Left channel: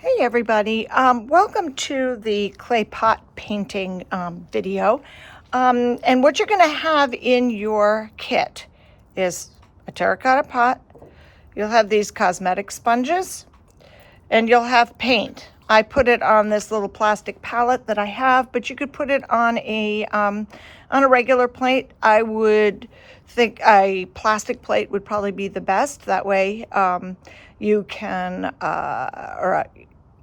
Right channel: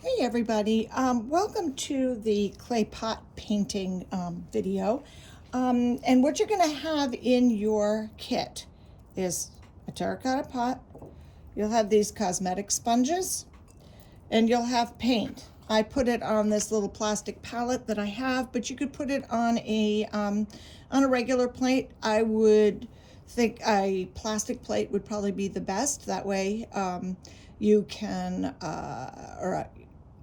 Hey everybody, welcome to the clay pot painting video. And what you're going to have in your kit is a terracotta pot. You'll have these cosmetic sponges and you'll have paint. I put it on this little plastic palette that I have, but you could put it on a regular plate. I would think a plastic plate would probably be the best. That way you can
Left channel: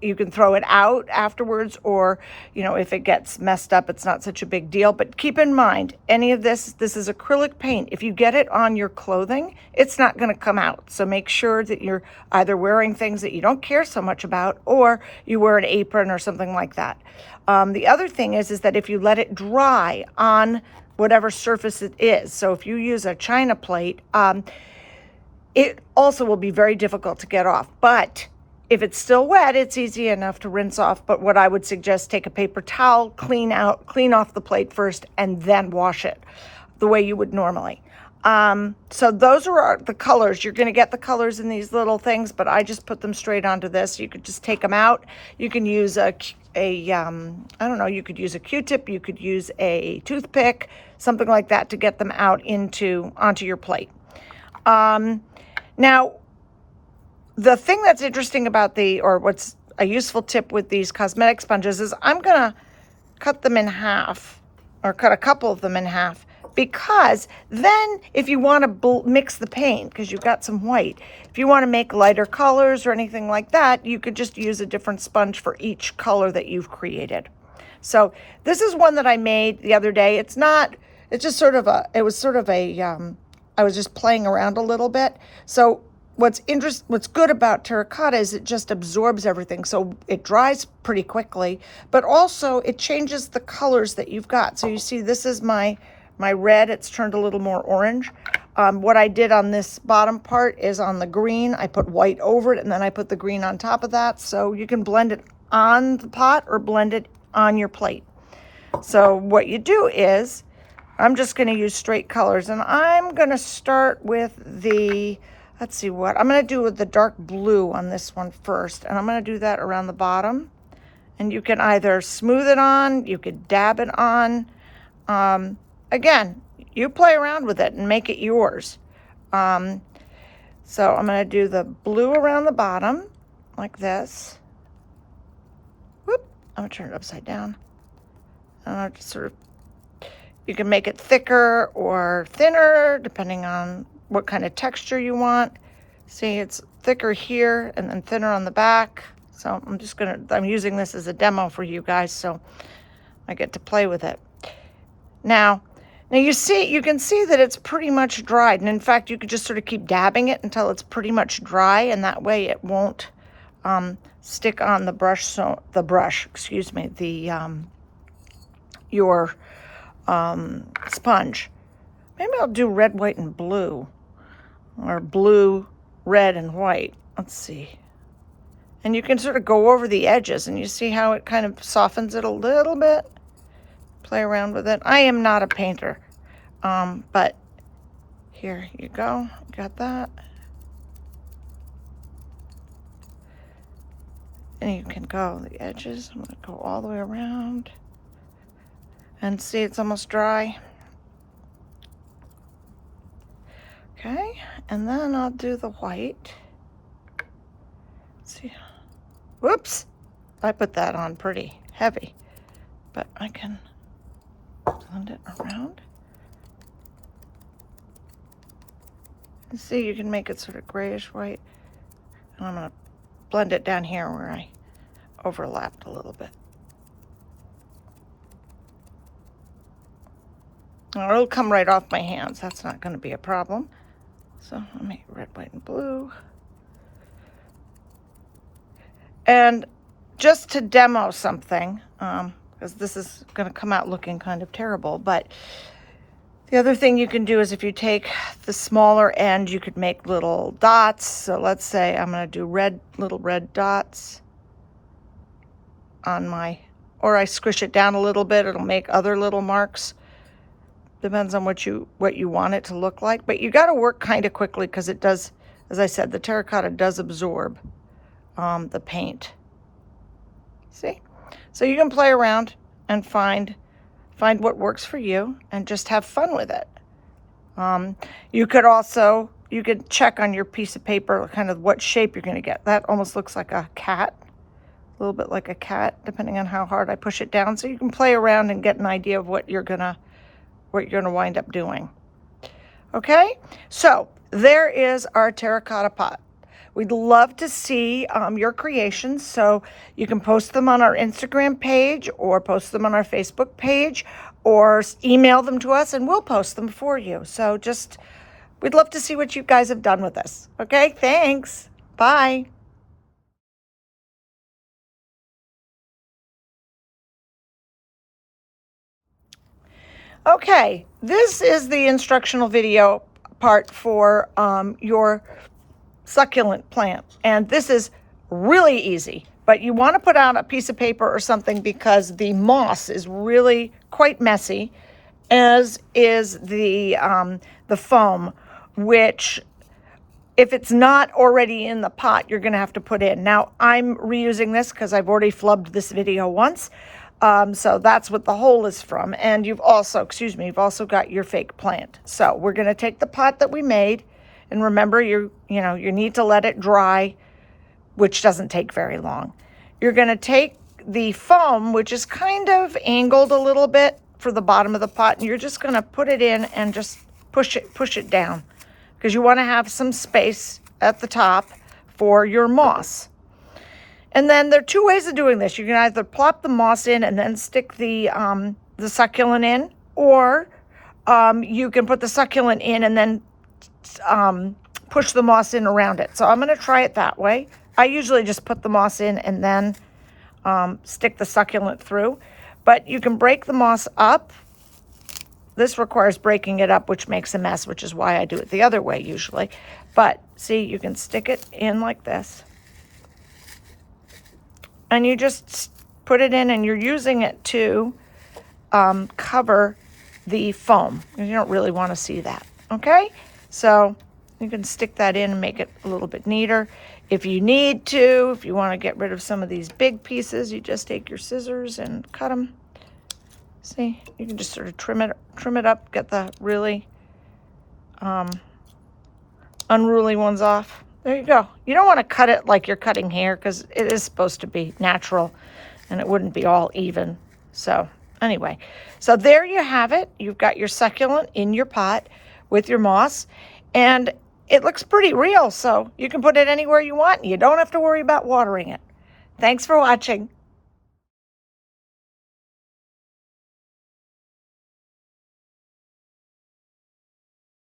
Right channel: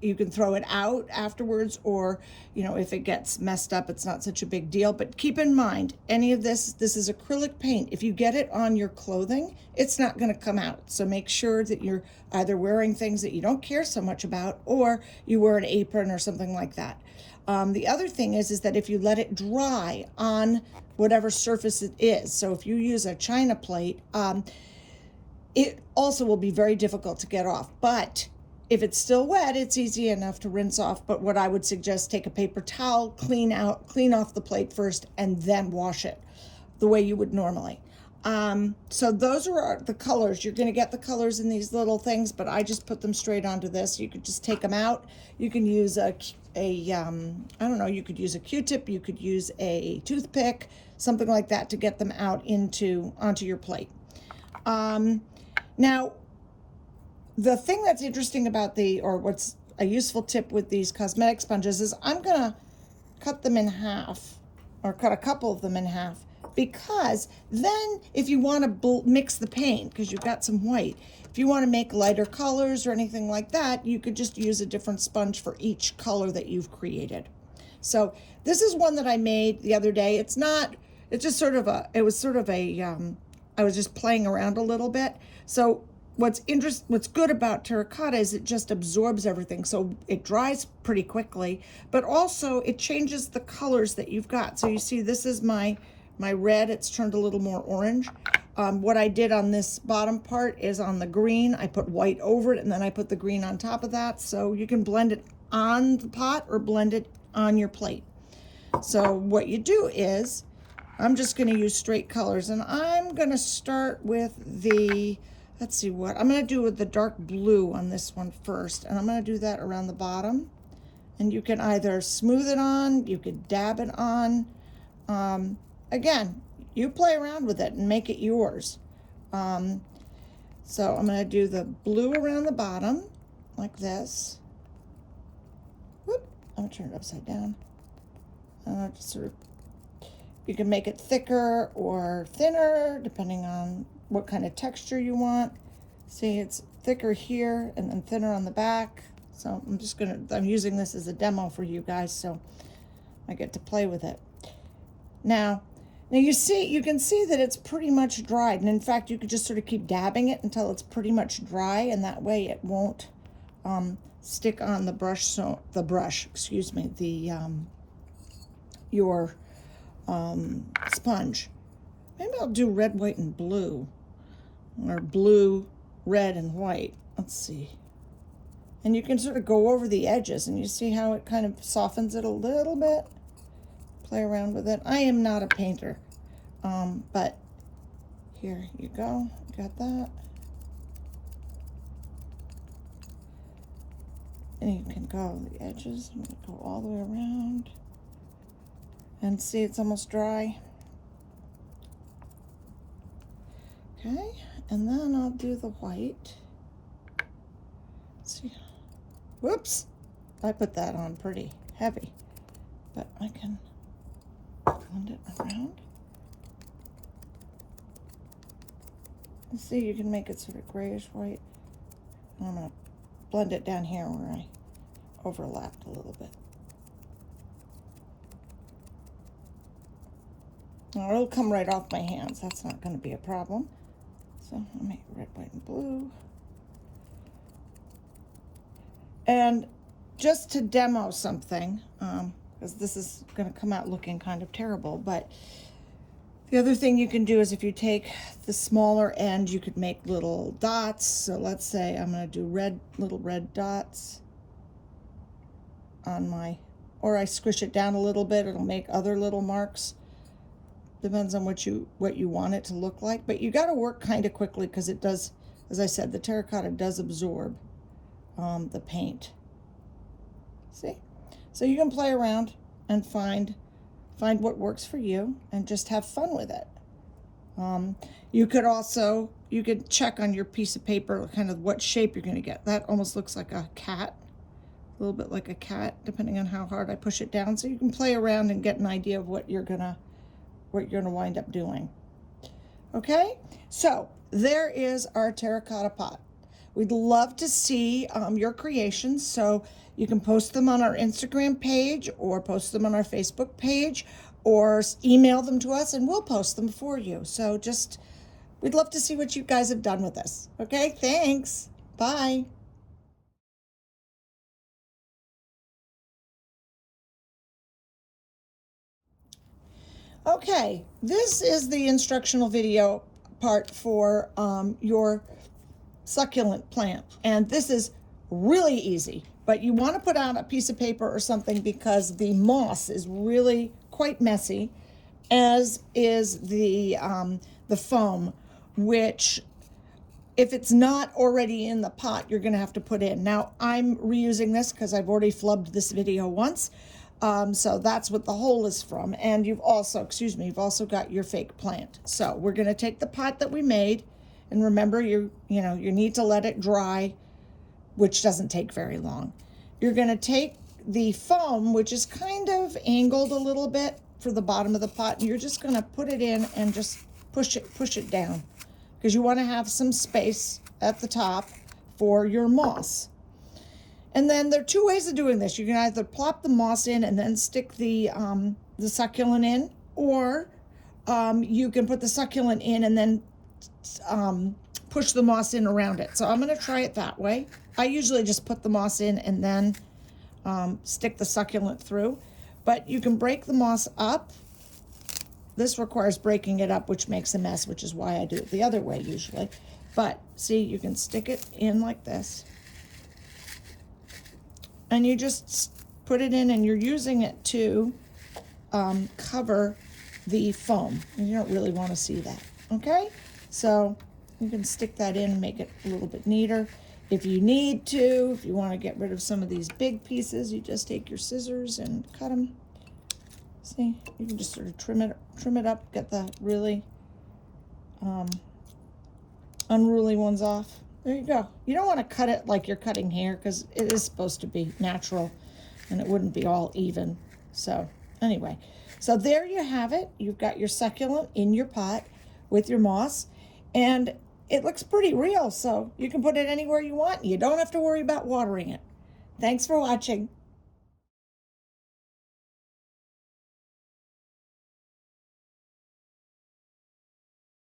you can throw it out afterwards, or if it gets messed up, it's not such a big deal. But keep in mind, any of this is acrylic paint. If you get it on your clothing, it's not going to come out. So make sure that you're either wearing things that you don't care so much about, or you wear an apron or something like that. The other thing is that if you let it dry on whatever surface it is, so if you use a china plate, it also will be very difficult to get off. But if it's still wet, it's easy enough to rinse off. But what I would suggest, take a paper towel, clean off the plate first, and then wash it the way you would normally. So those are the colors. You're going to get the colors in these little things, but I just put them straight onto this. You could just take them out. You can use I don't know, you could use a Q-tip, you could use a toothpick, something like that to get them out onto your plate. Now, the thing that's interesting about what's a useful tip with these cosmetic sponges is I'm gonna cut them in half, or cut a couple of them in half, because then if you want to mix the paint, because you've got some white, if you want to make lighter colors or anything like that, you could just use a different sponge for each color that you've created. So this is one that I made the other day. It's just sort of I was just playing around a little bit. So what's good about terracotta is it just absorbs everything, so it dries pretty quickly, but also it changes the colors that you've got. So you see, this is my red. It's turned a little more orange. What I did on this bottom part is on the green, I put white over it, and then I put the green on top of that. So you can blend it on the pot or blend it on your plate. So what you do is, I'm just going to use straight colors, and I'm going to start with let's see what I'm going to do with the dark blue on this one first, and I'm going to do that around the bottom. And you can either smooth it on, you could dab it on. Again, you play around with it and make it yours. So I'm going to do the blue around the bottom like this. Whoop! I'm going to turn it upside down. And I'll just you can make it thicker or thinner depending on what kind of texture you want. See, it's thicker here and then thinner on the back. So I'm using this as a demo for you guys, so I get to play with it. Now you can see that it's pretty much dried. And in fact, you could just sort of keep dabbing it until it's pretty much dry, and that way it won't stick on the brush. Your sponge. Maybe I'll do red, white, and blue, or blue, red, and white. Let's see. And you can sort of go over the edges, and you see how it kind of softens it a little bit. Play around with it. I am not a painter, but here you go. Got that. And you can go the edges. I'm going to go all the way around. And see, it's almost dry. Okay, and then I'll do the white. Let's see. Whoops! I put that on pretty heavy, but I can blend it around. And see, you can make it sort of grayish white. And I'm going to blend it down here where I overlapped a little bit. It'll come right off my hands. That's not going to be a problem. So I'll make red, white, and blue. And just to demo something, because this is going to come out looking kind of terrible, but the other thing you can do is if you take the smaller end, you could make little dots. So let's say I'm going to do little red dots on or I squish it down a little bit, it'll make other little marks. Depends on what you want it to look like, but you got to work kind of quickly because it does, as I said, the terracotta does absorb the paint. See? So you can play around and find what works for you and just have fun with it. You could check on your piece of paper kind of what shape you're going to get. That almost looks like a cat, a little bit like a cat, depending on how hard I push it down. So you can play around and get an idea of what you're gonna wind up doing. Okay, so there is our terracotta pot. We'd love to see your creations, so you can post them on our Instagram page or post them on our Facebook page or email them to us and we'll post them for you. So we'd love to see what you guys have done with this. Okay, thanks. Bye. Okay, this is the instructional video part for your succulent plant. And this is really easy, but you want to put out a piece of paper or something because the moss is really quite messy, as is the foam, which if it's not already in the pot, you're going to have to put in. Now, I'm reusing this because I've already flubbed this video once. So that's what the hole is from. And you've also got your fake plant. So we're going to take the pot that we made, and remember, you need to let it dry, which doesn't take very long. You're going to take the foam, which is kind of angled a little bit for the bottom of the pot, and you're just going to put it in and just push it down, because you want to have some space at the top for your moss. And then there are two ways of doing this. You can either plop the moss in and then stick the succulent in, or you can put the succulent in and then push the moss in around it. So I'm going to try it that way. I usually just put the moss in and then stick the succulent through. But you can break the moss up. This requires breaking it up, which makes a mess, which is why I do it the other way usually. But see, you can stick it in like this. And you just put it in, and you're using it to cover the foam. You don't really want to see that, okay? So you can stick that in and make it a little bit neater. If you need to, if you want to get rid of some of these big pieces, you just take your scissors and cut them. See, you can just sort of trim it up, get the really unruly ones off. There you go. You don't want to cut it like you're cutting hair, because it is supposed to be natural and it wouldn't be all even. So anyway, so there you have it. You've got your succulent in your pot with your moss, and it looks pretty real, so you can put it anywhere you want. You don't have to worry about watering it. Thanks for watching.